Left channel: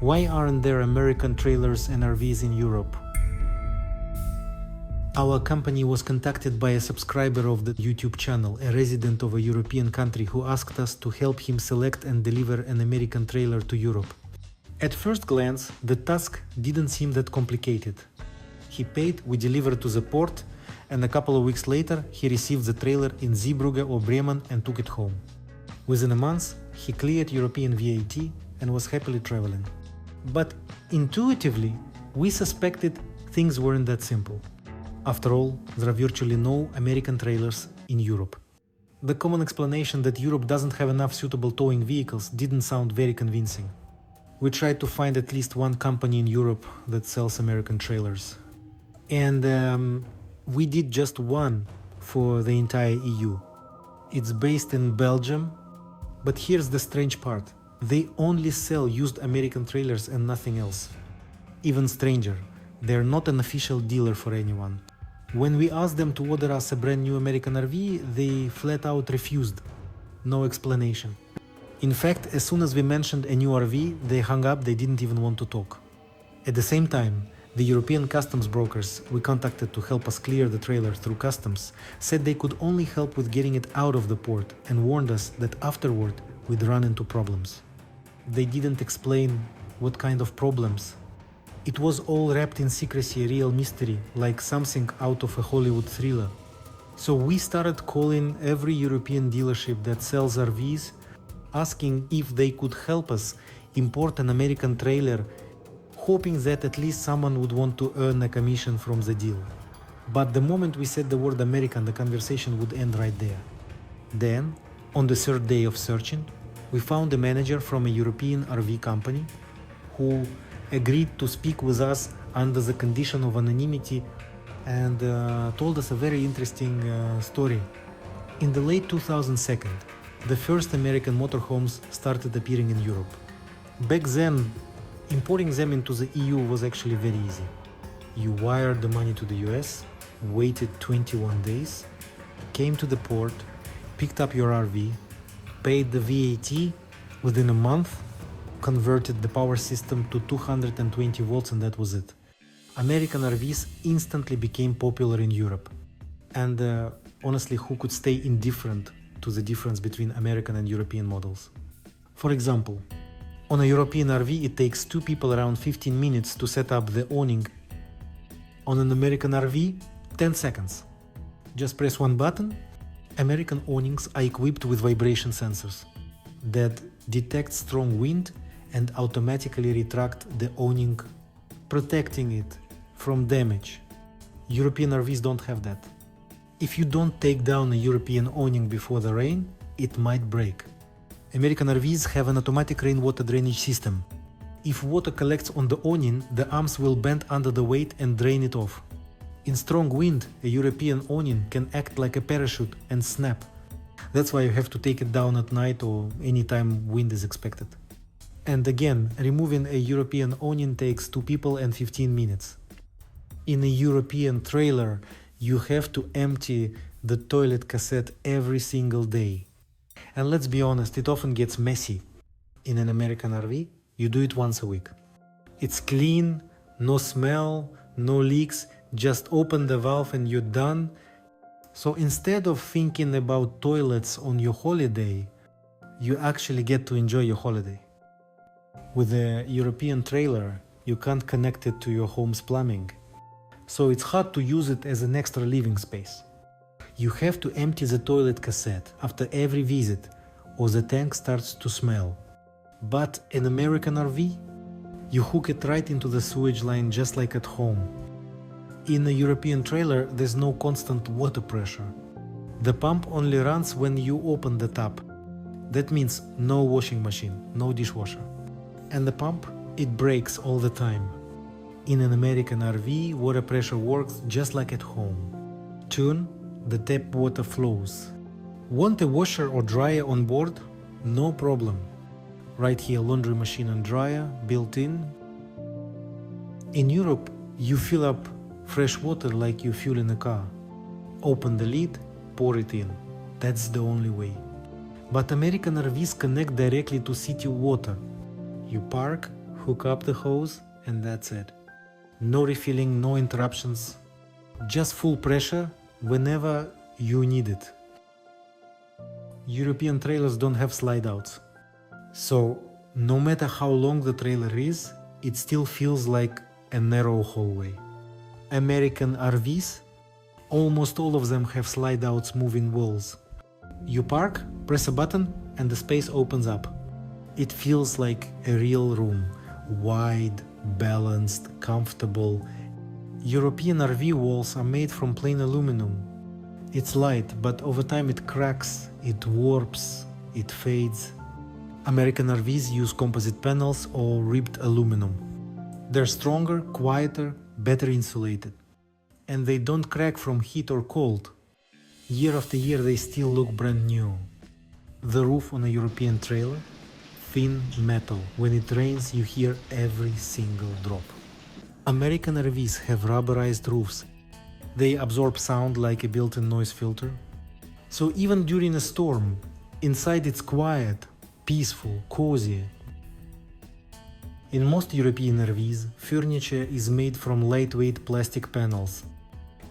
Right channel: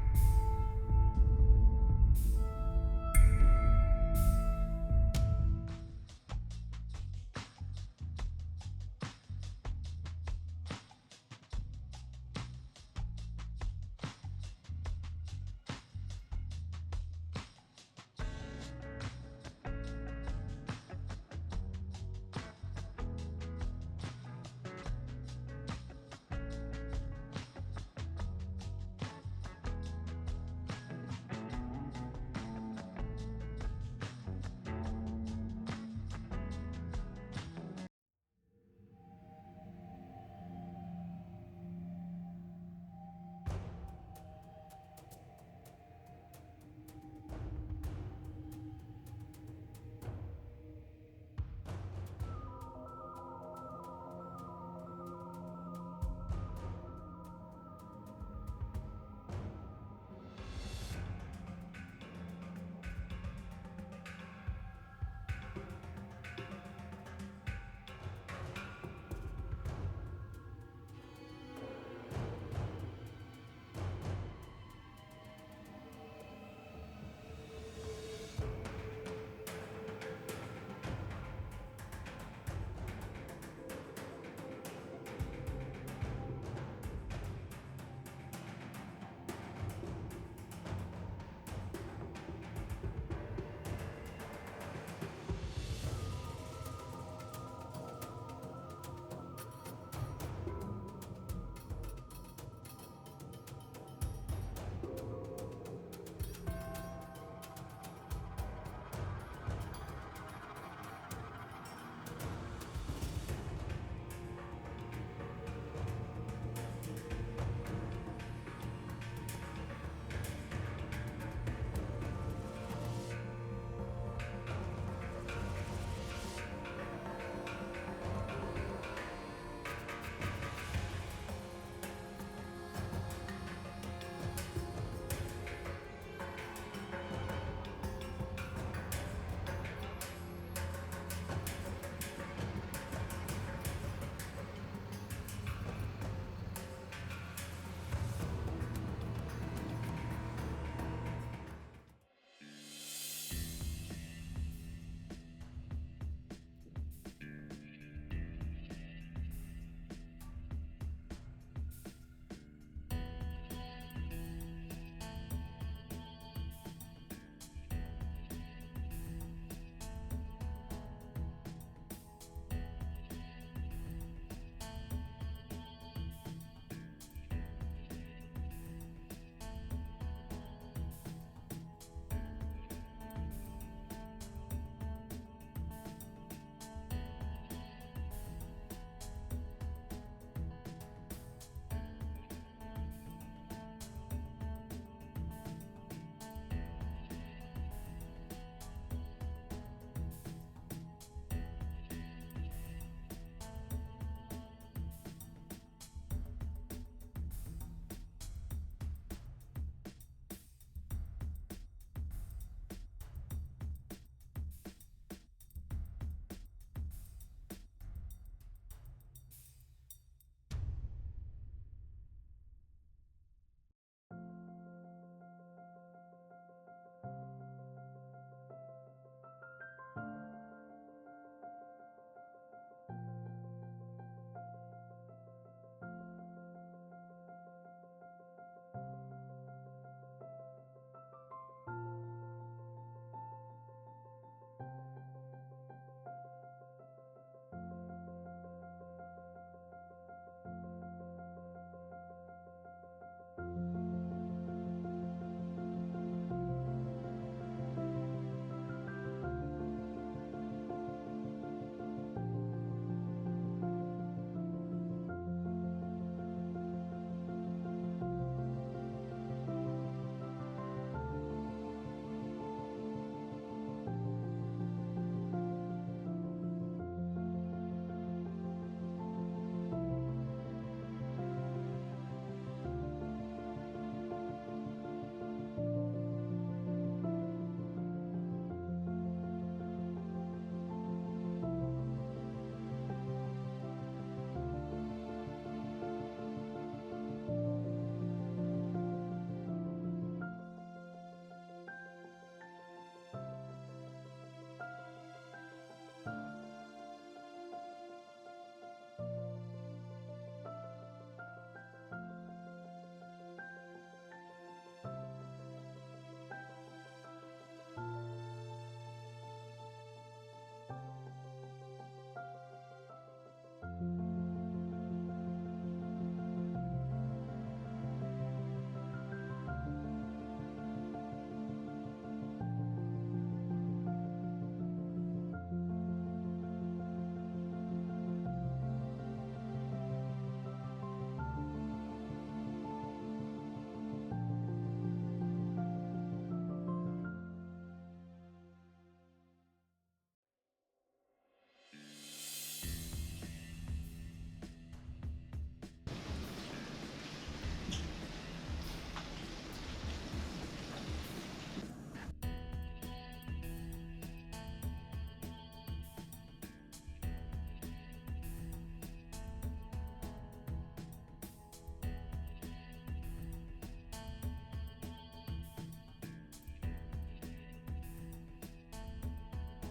Why aren't there American trailers and RVs in Europe? Our company was contacted by a subscriber of the YouTube channel, a resident of a European country who asked us to help him select and deliver an American trailer to Europe. At first glance, the task didn't seem that complicated. He paid, we delivered to the port, and a couple of weeks later he received the trailer in Zeebrugge or Bremen and took it home. Within a month, he cleared European VAT and was happily traveling. But intuitively, we suspected things weren't that simple. After all, there are virtually no American trailers in Europe. The common explanation that Europe doesn't have enough suitable towing vehicles didn't sound very convincing. We tried to find at least one company in Europe that sells American trailers. And we did just one for the entire EU. It's based in Belgium, but here's the strange part. They only sell used American trailers and nothing else. Even stranger, they're not an official dealer for anyone. When we asked them to order us a brand new American RV, they flat out refused. No explanation. In fact, as soon as we mentioned a new RV, they hung up, they didn't even want to talk. At the same time, the European customs brokers we contacted to help us clear the trailer through customs said they could only help with getting it out of the port and warned us that afterward we'd run into problems. They didn't explain what kind of problems. It was all wrapped in secrecy, a real mystery, like something out of a Hollywood thriller. So we started calling every European dealership that sells RVs, asking if they could help us import an American trailer, hoping that at least someone would want to earn a commission from the deal. But the moment we said the word American, the conversation would end right there. Then, on the third day of searching, we found a manager from a European RV company who agreed to speak with us under the condition of anonymity and told us a very interesting story. In the late 2002, the first American motorhomes started appearing in Europe. Back then, importing them into the EU was actually very easy. You wired the money to the US, waited 21 days, came to the port, picked up your RV, paid the VAT within a month, converted the power system to 220 volts, and that was it. American RVs instantly became popular in Europe. And honestly, who could stay indifferent to the difference between American and European models? For example, on a European RV it takes two people around 15 minutes to set up the awning. On an American RV, 10 seconds. Just press one button. American awnings are equipped with vibration sensors that detect strong wind and automatically retract the awning, protecting it from damage. European RVs don't have that. If you don't take down a European awning before the rain, it might break. American RVs have an automatic rainwater drainage system. If water collects on the awning, the arms will bend under the weight and drain it off. In strong wind, a European awning can act like a parachute and snap. That's why you have to take it down at night or anytime wind is expected. And again, removing a European awning takes 2 people and 15 minutes. In a European trailer, you have to empty the toilet cassette every single day. And let's be honest, it often gets messy. In an American RV, you do it once a week. It's clean, no smell, no leaks, just open the valve and you're done. So instead of thinking about toilets on your holiday, you actually get to enjoy your holiday. With a European trailer, you can't connect it to your home's plumbing, so it's hard to use it as an extra living space. You have to empty the toilet cassette after every visit, or the tank starts to smell. But in American RV, you hook it right into the sewage line just like at home. In a European trailer, there's no constant water pressure. The pump only runs when you open the tap. That means no washing machine, no dishwasher. And the pump, it breaks all the time. In an American RV, water pressure works just like at home. Turn, the tap water flows. Want a washer or dryer on board? No problem. Right here, laundry machine and dryer built in. In Europe, you fill up fresh water like you fuel in a car. Open the lid, pour it in. That's the only way. But American RVs connect directly to city water. You park, hook up the hose, and that's it. No refilling, no interruptions, just full pressure whenever you need it. European trailers don't have slide outs, so no matter how long the trailer is, it still feels like a narrow hallway. American RVs, almost all of them have slide outs moving walls. You park, press a button, and the space opens up. It feels like a real room, wide, balanced, comfortable. European RV walls are made from plain aluminum. It's light, but over time it cracks, it warps, it fades. American RVs use composite panels or ribbed aluminum. They're stronger, quieter, better insulated. And they don't crack from heat or cold. Year after year they still look brand new. The roof on a European trailer, thin metal. When it rains you hear every single drop. American RVs have rubberized roofs. They absorb sound like a built-in noise filter. So even during a storm, inside it's quiet, peaceful, cozy. In most European RVs, furniture is made from lightweight plastic panels.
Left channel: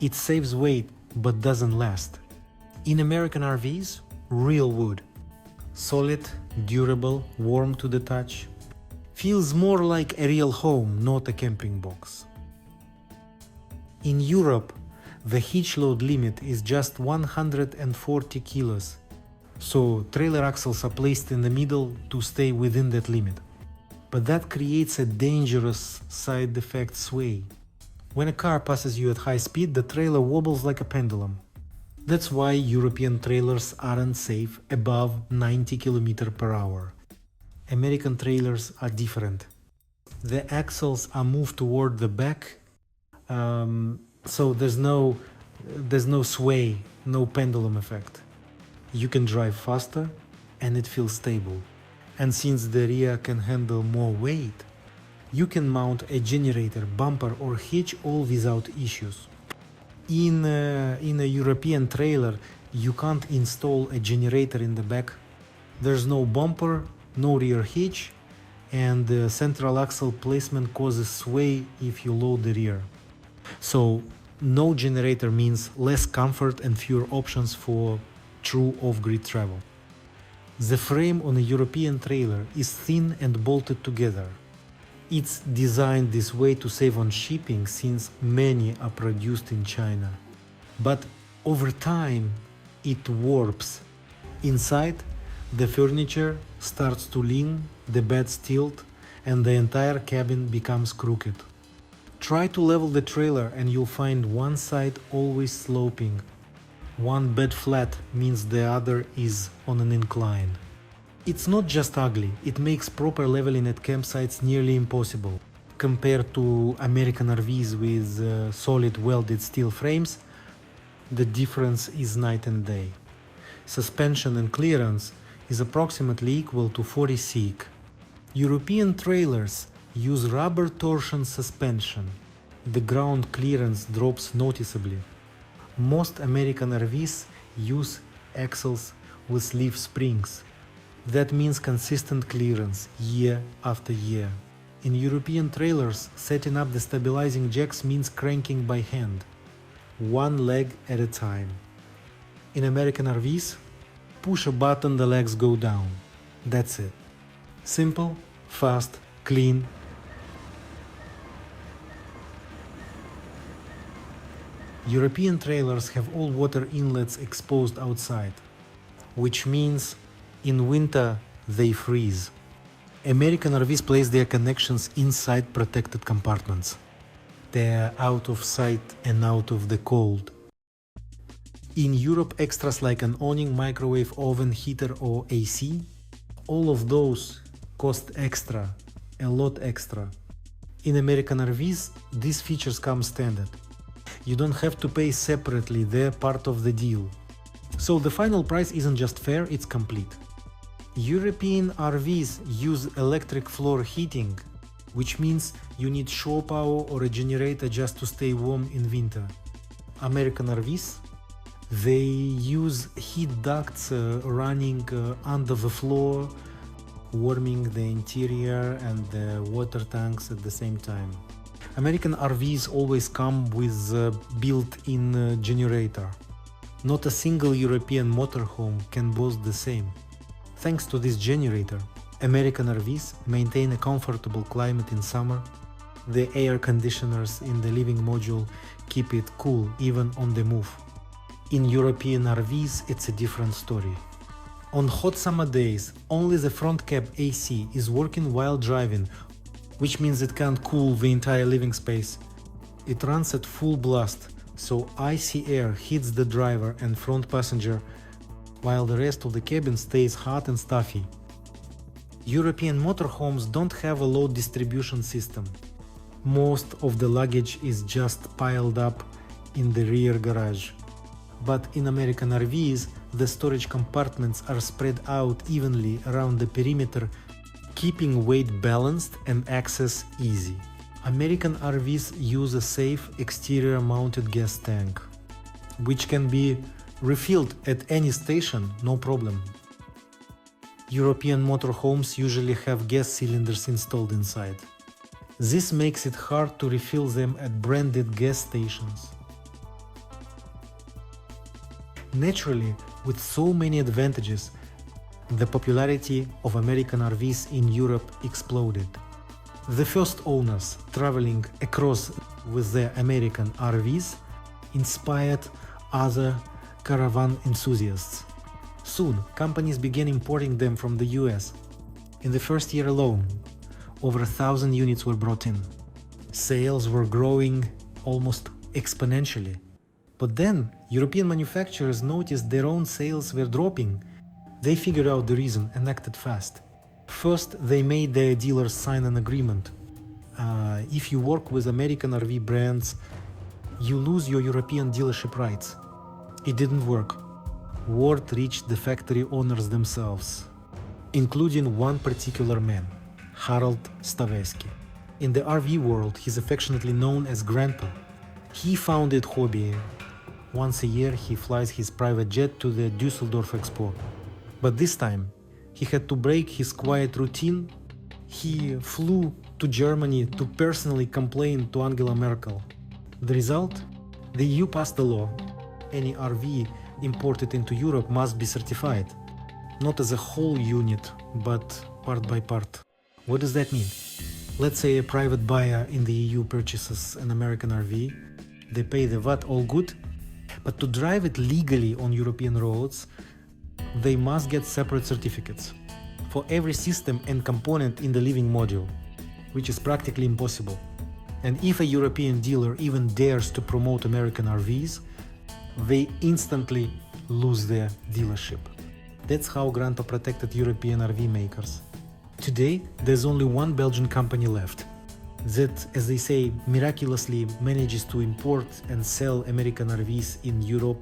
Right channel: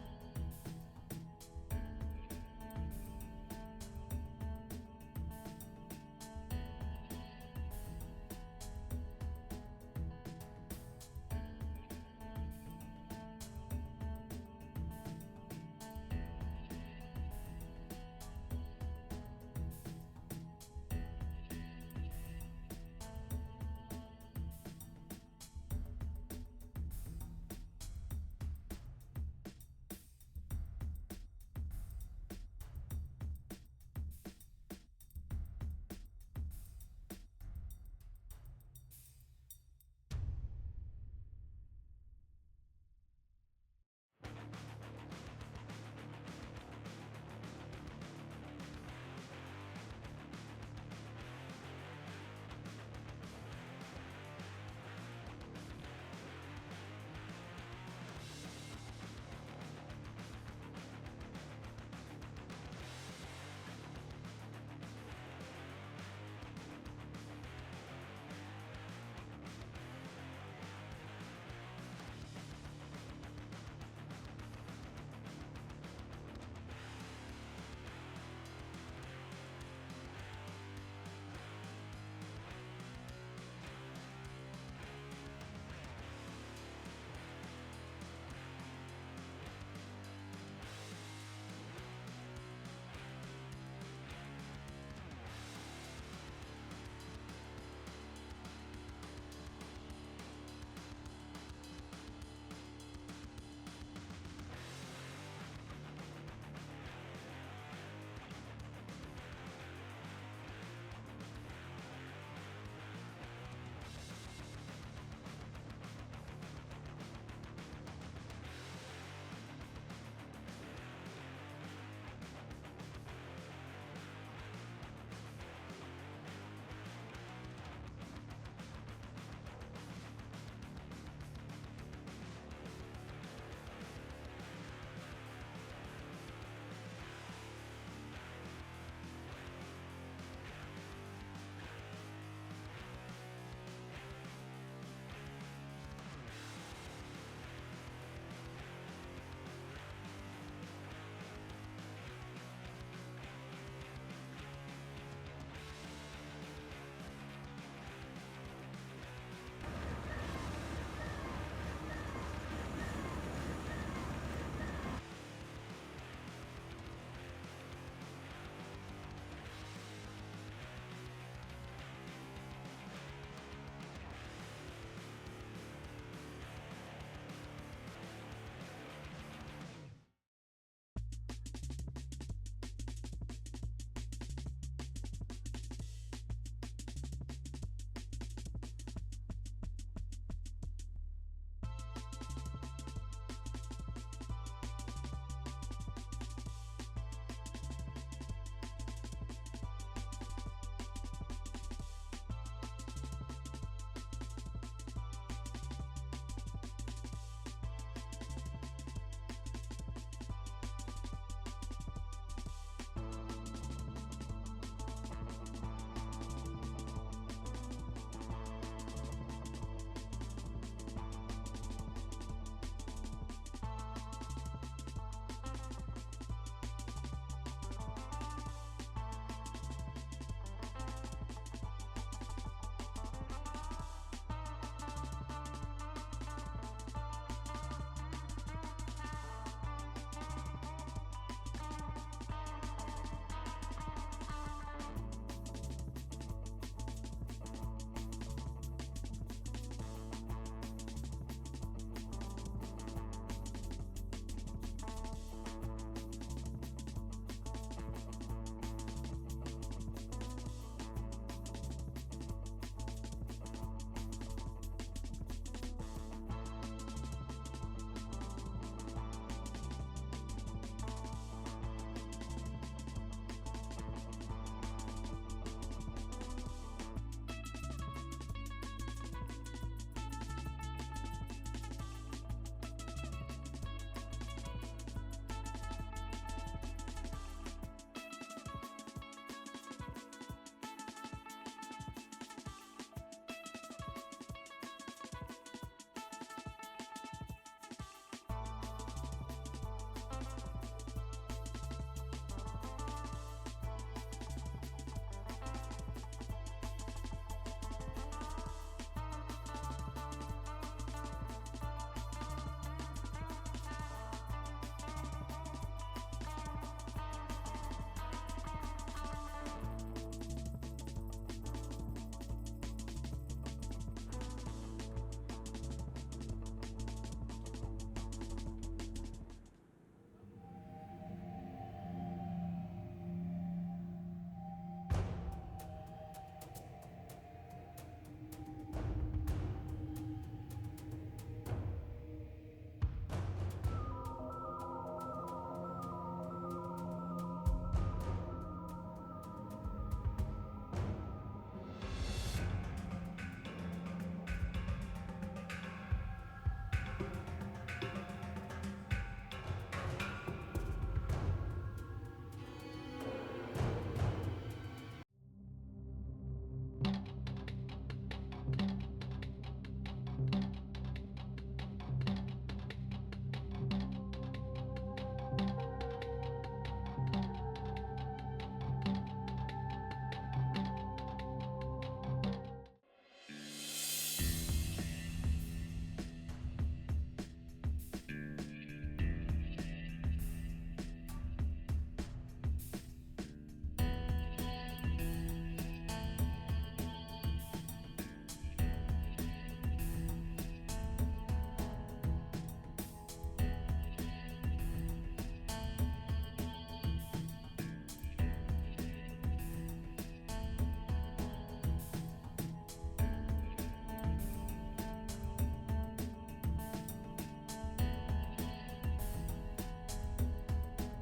It saves weight but doesn't last. In American RVs, real wood. Solid, durable, warm to the touch. Feels more like a real home, not a camping box. In Europe, the hitch load limit is just 140 kilos, so trailer axles are placed in the middle to stay within that limit. But that creates a dangerous side effect sway. When a car passes you at high speed, the trailer wobbles like a pendulum. That's why European trailers aren't safe above 90 km per hour. American trailers are different. The axles are moved toward the back, so there's no sway, no pendulum effect. You can drive faster and it feels stable. And since the rear can handle more weight, you can mount a generator, bumper or hitch all without issues. In a European trailer, you can't install a generator in the back. There's no bumper, no rear hitch, and the central axle placement causes sway if you load the rear. So no generator means less comfort and fewer options for true off-grid travel. The frame on a European trailer is thin and bolted together. It's designed this way to save on shipping since many are produced in China. But over time, it warps. Inside, the furniture starts to lean, the beds tilt, and the entire cabin becomes crooked. Try to level the trailer and you'll find one side always sloping. One bed flat means the other is on an incline. It's not just ugly, it makes proper leveling at campsites nearly impossible. Compared to American RVs with solid welded steel frames, the difference is night and day. Suspension and clearance is approximately equal to 40 seek. European trailers use rubber torsion suspension. The ground clearance drops noticeably. Most American RVs use axles with leaf springs. That means consistent clearance year after year. In European trailers, setting up the stabilizing jacks means cranking by hand, one leg at a time. In American RVs, push a button, the legs go down. That's it. Simple, fast, clean. European trailers have all water inlets exposed outside, which means in winter they freeze. American RVs place their connections inside protected compartments. They're out of sight and out of the cold. In Europe, extras like an awning, microwave oven, heater or AC, all of those cost extra, a lot extra. In American RVs, these features come standard. You don't have to pay separately, they're part of the deal. So the final price isn't just fair, it's complete. European RVs use electric floor heating, which means you need shore power or a generator just to stay warm in winter. American RVs, they use heat ducts running under the floor, warming the interior and the water tanks at the same time. American RVs always come with a built-in generator. Not a single European motorhome can boast the same. Thanks to this generator, American RVs maintain a comfortable climate in summer. The air conditioners in the living module keep it cool even on the move. In European RVs, it's a different story. On hot summer days, only the front cab AC is working while driving, which means it can't cool the entire living space. It runs at full blast, so icy air hits the driver and front passenger, while the rest of the cabin stays hot and stuffy. European motorhomes don't have a load distribution system. Most of the luggage is just piled up in the rear garage. But in American RVs, the storage compartments are spread out evenly around the perimeter, keeping weight balanced and access easy. American RVs use a safe exterior mounted gas tank, which can be refilled at any station, no problem. European motorhomes usually have gas cylinders installed inside. This makes it hard to refill them at branded gas stations. Naturally, with so many advantages, the popularity of American RVs in Europe exploded. The first owners traveling across with their American RVs inspired other caravan enthusiasts. Soon, companies began importing them from the US. In the first year alone, over 1,000 units were brought in. Sales were growing almost exponentially. But then, European manufacturers noticed their own sales were dropping. They figured out the reason and acted fast. First, they made their dealers sign an agreement. If you work with American RV brands, you lose your European dealership rights. It didn't work. Word reached the factory owners themselves, including one particular man, Harold Staveski. In the RV world, he's affectionately known as Grandpa. He founded Hobby. Once a year, he flies his private jet to the Düsseldorf Expo. But this time, he had to break his quiet routine. He flew to Germany to personally complain to Angela Merkel. The result? The EU passed a law. Any RV imported into Europe must be certified, not as a whole unit, but part by part. What does that mean? Let's say a private buyer in the EU purchases an American RV. They pay the VAT, all good, but to drive it legally on European roads, they must get separate certificates for every system and component in the living module, which is practically impossible. And if a European dealer even dares to promote American RVs, they instantly lose their dealership. That's how Grandpa protected European RV makers. Today, there's only one Belgian company left that, as they say, miraculously manages to import and sell American RVs in Europe